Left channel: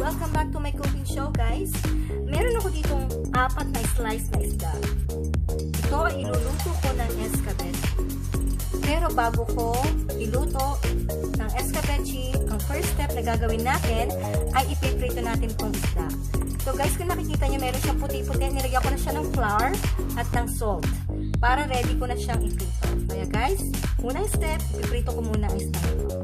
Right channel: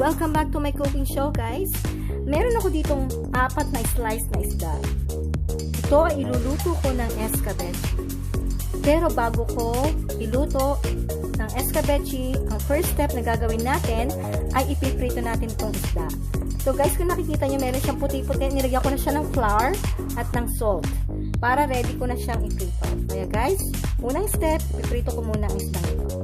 Welcome back to my cooking show guys. Meron ako ditong apat na slice na isda. Ito iluluto ko ng escabeche. Pero bago ko iluto ng escabeche, ang first step na gagawin natin ay ipiprito natin itong isda. So guys, kung nakikita nyo, meron siyang puti-puti. Nilagyan ko na siya ng flour at ng salt para ready ko na siyang iprito. Kaya guys, unang step, iprito ko muna ang isda nito.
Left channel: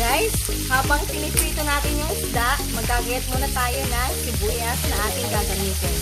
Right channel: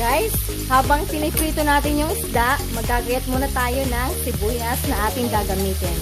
Guys, habang piniprito natin yung isda, magagayat muna tayo ng sibuyas na ating gagamitin.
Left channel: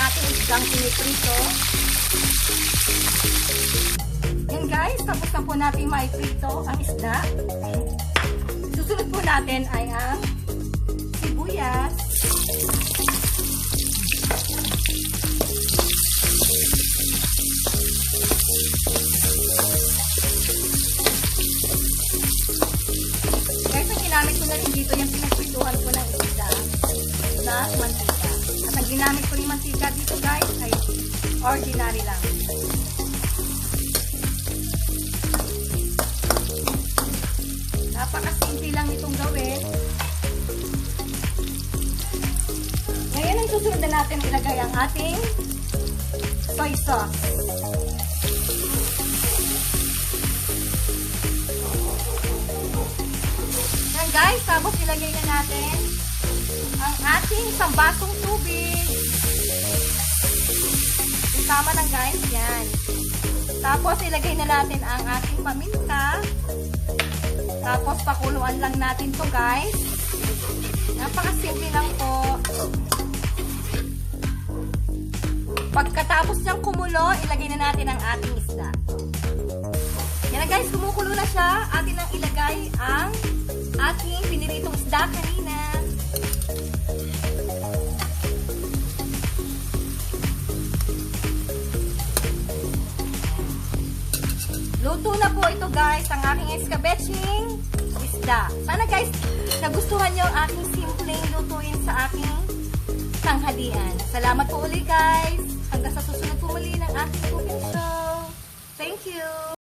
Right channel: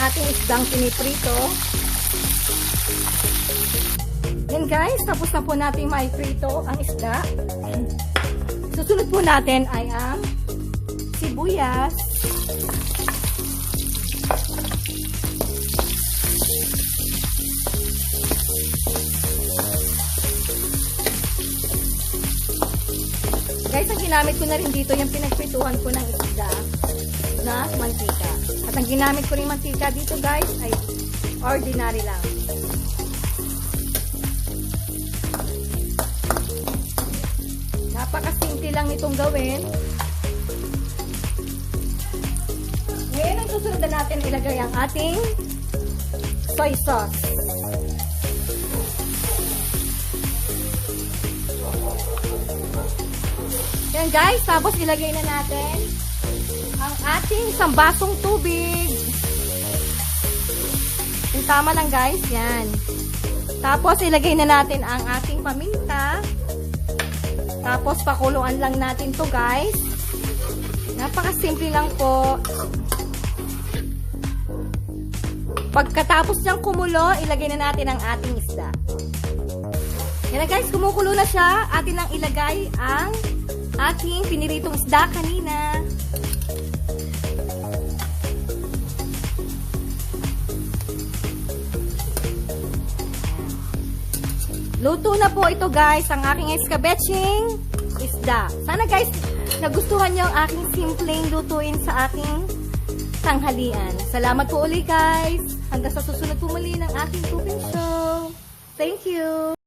Ating isdang piniprito. Yan guys, tapos na po natin maiprito ang isda. Susunod po natin ay ang sibuyas. Guys, ang ginamit ko na rin dito yung pinagprituhan ko ng isda na mantika. Ginamit ko rin mantika dito guys ay ordinary lang. Napakasimple lang itong gawin. Ngayon ang susunod na natin ilagay ang ating soy sauce. Yan guys, tapos ilagay na natin isang basong tubig. Yung tama lang guys, yan. Tapos ilagay na natin ang ating paminta. Tapos pakuluan lang natin to guys. Napakasimple lang po. Pagkatapos niyang kumulo, ilagay na natin ang ating isda. Yan na guys, kumukulo na siya. Atin lang ilagay ang ating piniritong isda kanina. Luto na po ito guys, ang aking escabeching isda. Sana guys, nagustuhan niyo ang aking simpleng lutuin sa aking tanghalian. Salamat po uli guys. Hanggang sa susunod po muli ng aking cooking show. Thank you.